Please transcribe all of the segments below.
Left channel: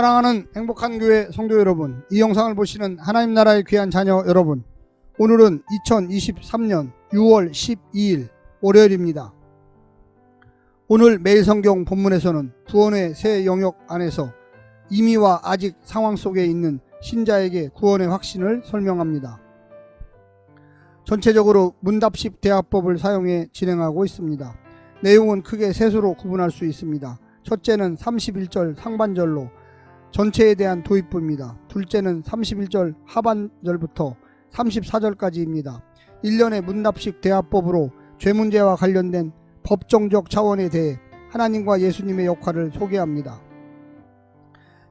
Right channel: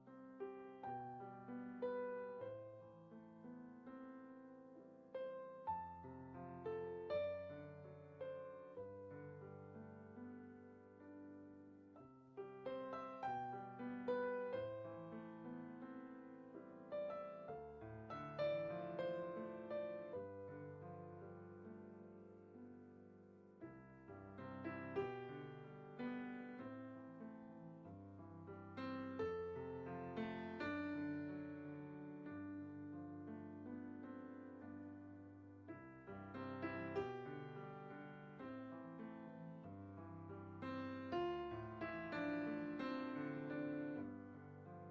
사랑하는 행복한 교회 성도 여러분, 이 영상을 보시는 하나님 나라의 귀한 자녀 여러분, 오늘은 2023년 6월 12일 월요일입니다. 오늘 매일 성경 본문에서는 구원의 새 영역 안에서 이미와 아직 상황 속에 있는 신자에게 구원의 확신을 설명합니다. 전체적으로 문답식 대화법을 사용해 진행하고 있습니다. 내용은 크게 셋으로 구분할 수 있습니다. 첫째는 31절 상반절로 전체에 대한 도입부입니다. 둘째는 31절 하반절부터 34절까지입니다. 1년의 문답식 대화법으로 죄 문제와 관련된 법정적 차원에 대해 하나님과 예수님의 역할을 소개합니다.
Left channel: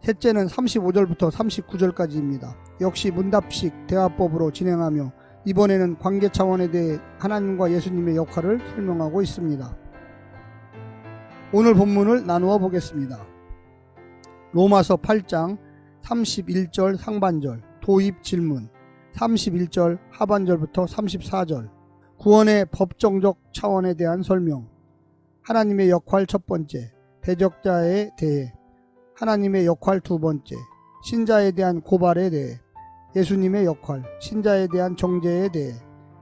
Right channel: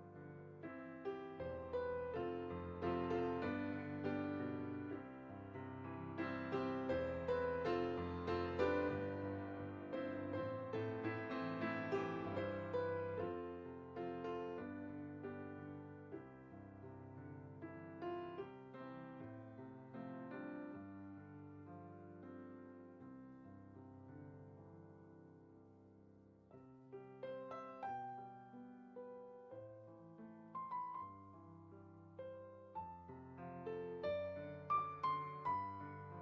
셋째는 35절부터 39절까지입니다. 역시 문답식 대화법으로 진행하며 이번에는 관계 차원에 대해 하나님과 예수님의 역할을 설명하고 있습니다. 오늘 본문을 나누어 보겠습니다. 로마서 8장 31절 상반절 도입 질문, 31절 하반절부터 34절 구원의 법정적 차원에 대한 설명, 하나님의 역할 첫 번째, 대적자에 대해 하나님의 역할 두 번째, 신자에 대한 고발에 대해 예수님의 역할, 신자에 대한 정죄에 대해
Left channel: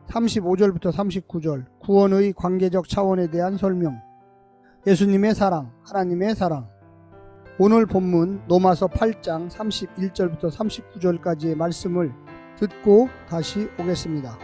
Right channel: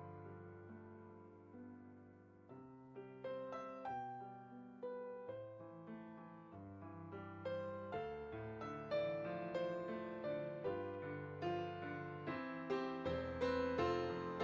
35절부터 39절 구원의 관계적 차원에 대한 설명, 예수님의 사랑, 하나님의 사랑. 오늘 본문 로마서 8장 31절부터 39절까지의 말씀을 듣고 다시 오겠습니다.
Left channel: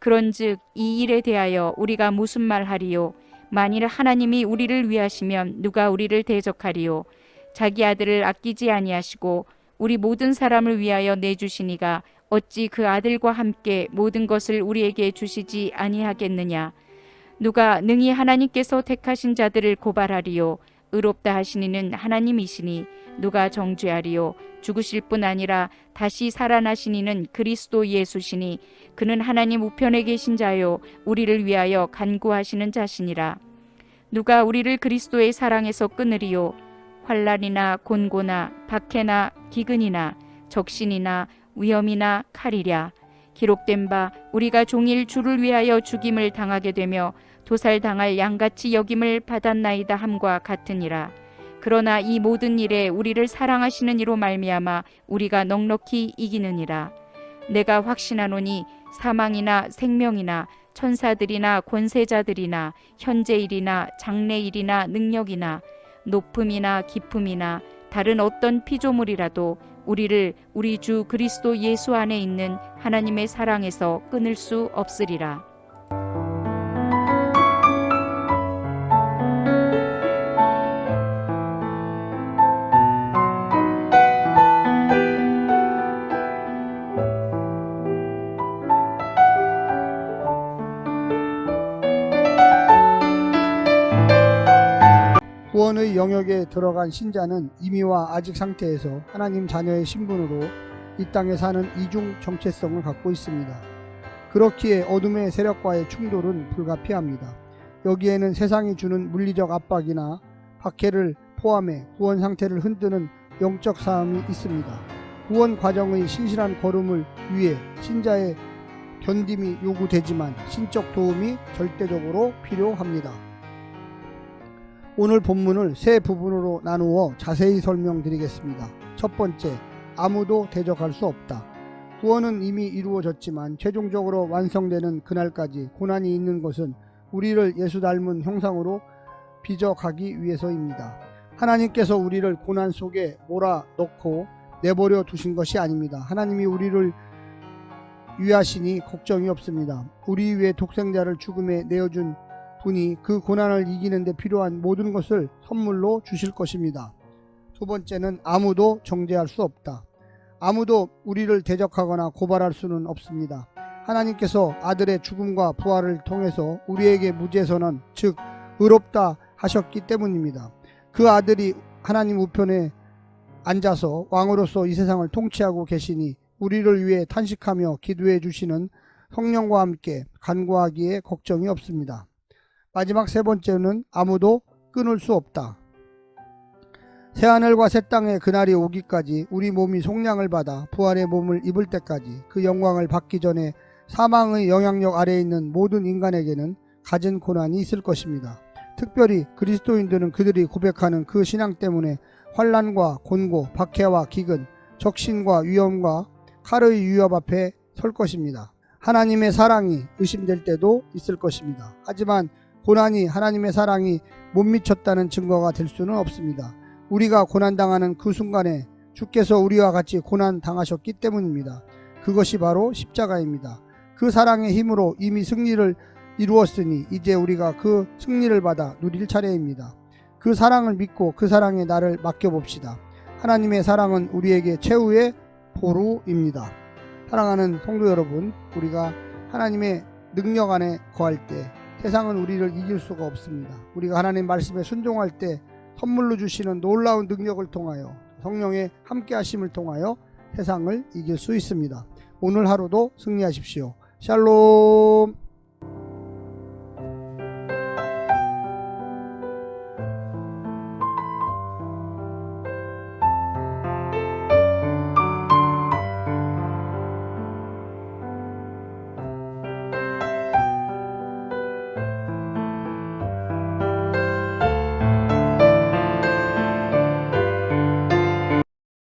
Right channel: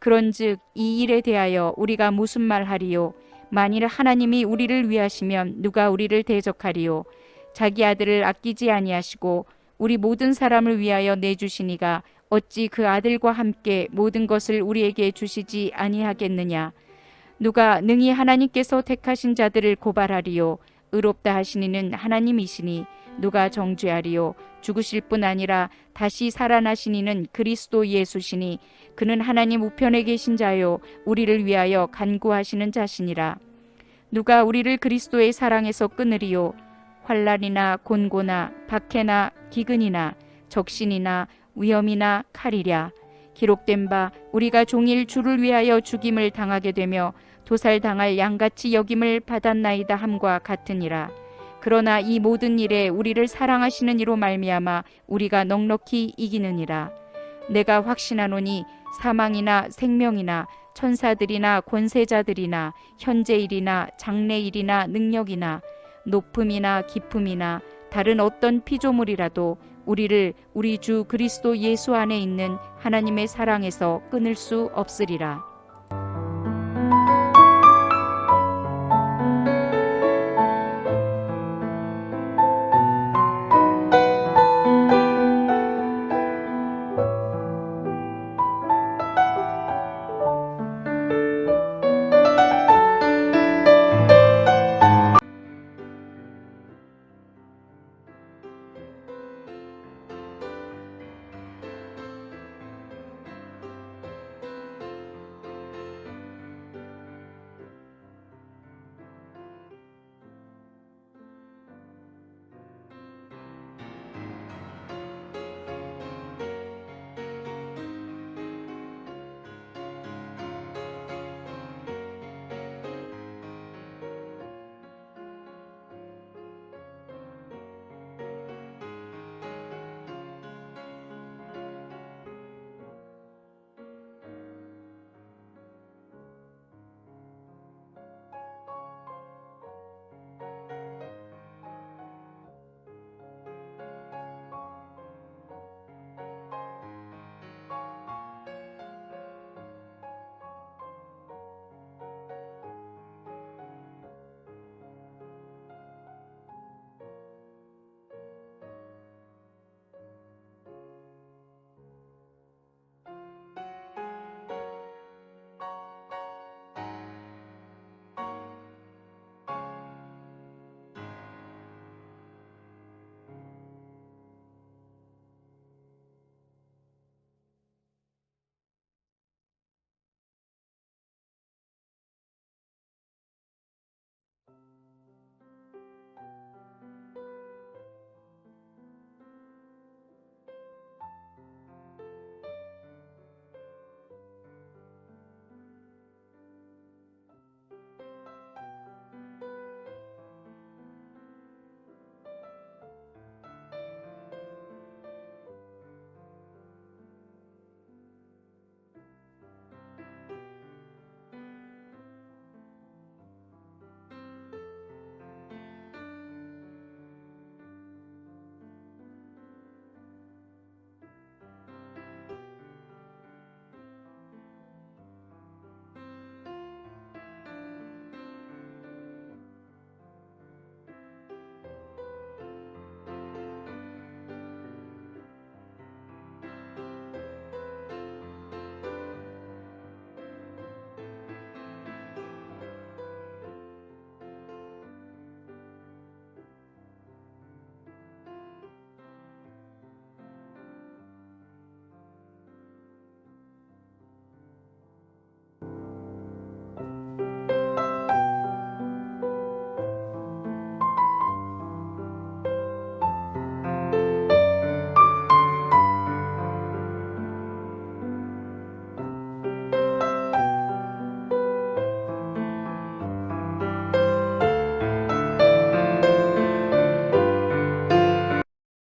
그런즉 이 일에 대하여 우리가 무슨 말하리요? 만일 하나님이 우리를 위하시면 누가 우리를 대적하리요? 자기 아들을 아끼지 아니하시고 우리 모든 사람을 위하여 내주시니가 어찌 그 아들과 함께 모든 것을 우리에게 주시지 아니하겠느냐? 누가 능히 하나님께서 택하신 자들을 고발하리요? 의롭다 하시니는 하나님이시니 누가 정죄하리요? 죽으실 뿐 아니라 다시 살아나시니는 그리스도 예수시니 그는 하나님 우편에 계신 자요 우리를 위하여 간구하시는 자시니라. 누가 우리를 그리스도의 사랑에서 끊으리요? 환난이나 곤고나 박해나 기근이나 적신이나 위험이나 칼이랴. 기록된 바 우리가 종일 주를 위하여 죽임을 당하게 되며 도살당할 양같이 여김을 받았나이다 함과 같으니라. 그러나 이 모든 일에 우리를 사랑하시는 이로 말미암아 우리가 넉넉히 이기느니라. 내가 확신하노니 사망이나 생명이나 천사들이나 권세자들이나 현재일이나 장래일이나 능력이나 높음이나 깊음이나 다른 어떤 피조물이라도 우리를 우리 주 그리스도 예수 안에 있는 하나님의 사랑에서 끊을 수 없으리라. 구원의 영역에 들어간 신자는 이미와 아직 상태에서 하나님 자녀의 신분으로 이 땅에 사는 이중 정체성을 갖고 있습니다. 그렇기에 어둠의 세력과의 충돌은 불가피합니다. 여기에는 세상이 주는 물리적 압박이나 박해를 포함해 구원 상태를 흔드는 영적 싸움이 있습니다. 구원 과정의 신실한 걸음을 위해 신자의 견딤이 요구되지만 신적 도움이 절대적으로 필요합니다. 오늘 본문을 세 부분으로 나누어 자세히 설명드리겠습니다. 첫 번째, 아무도 대적할 수 없다. 구원은 이미 이루어졌지만 최종적으로 완성되는 그날까지 고난이 있는 것은 우리를 예수 닮은 형상으로 빚어가기 위해서입니다. 하나님께서 우리를 고난 속에 몰아넣고 내버려 두신 것이 아닙니다. 하나님이 우리를 위하시니 걱정이 없습니다. 우리 위해 독생자를 죽음에 내어준 분이 그 고난을 이기는 데 필요한 모든 것을 선물로 주실 것입니다. 두 번째는 아무도 정죄할 수 없다. 아무도 우리를 대적하거나 고발할 수는 없습니다. 하나님께서 아들의 죽음과 부활을 통해서 우리에게 무죄선언, 즉 의롭다 하셨기 때문입니다. 그 아들이 하나님 우편에 앉아서 왕으로서 이 세상을 통치하고 계시니 우리를 위해 탄식하며 기도해 주시는 성령과 함께 간구하기에 걱정이 없습니다. 마지막 세 번째는 아무도 끊을 수 없다. 새하늘과 새 땅의 그날이 오기까지 우리 몸이 속량을 받아 부활의 몸을 입을 때까지 그 영광을 받기 전에 사망의 영향력 아래에 있는 모든 인간에게는 갖은 고난이 있을 것입니다. 특별히 그리스도인들은 그들이 고백하는 그 신앙 때문에 환난과 곤고, 박해와 기근, 적신과 위험과 칼의 위협 앞에 설 것입니다. 하나님의 사랑이 의심될 때도 있을 것입니다. 하지만 고난이 하나님의 사랑이 못 미쳤다는 증거가 될 수는 없습니다. 우리가 고난당하는 그 순간에 주께서 우리와 같이 고난당하셨기 때문입니다. 그것이 바로 십자가입니다. 그 사랑의 힘으로 이미 승리를 이루었으니 이제 우리가 그 승리를 받아 누릴 차례입니다. 그 사랑을 믿고 그 사랑에 나를 맡겨봅시다. 하나님의 사랑은 우리에게 최후의 보루입니다. 사랑하는 성도 여러분, 우리가 하나님의 능력 안에 거할 때 세상은 우리를 이길 수가 없습니다. 우리가 하나님 말씀에 순종할 때 선물로 주시는 놀라운 능력을 통하여 성령의 함께 하심을 통하여 세상을 이길 수 있습니다. 오늘 하루도 승리하십시오. 샬롬.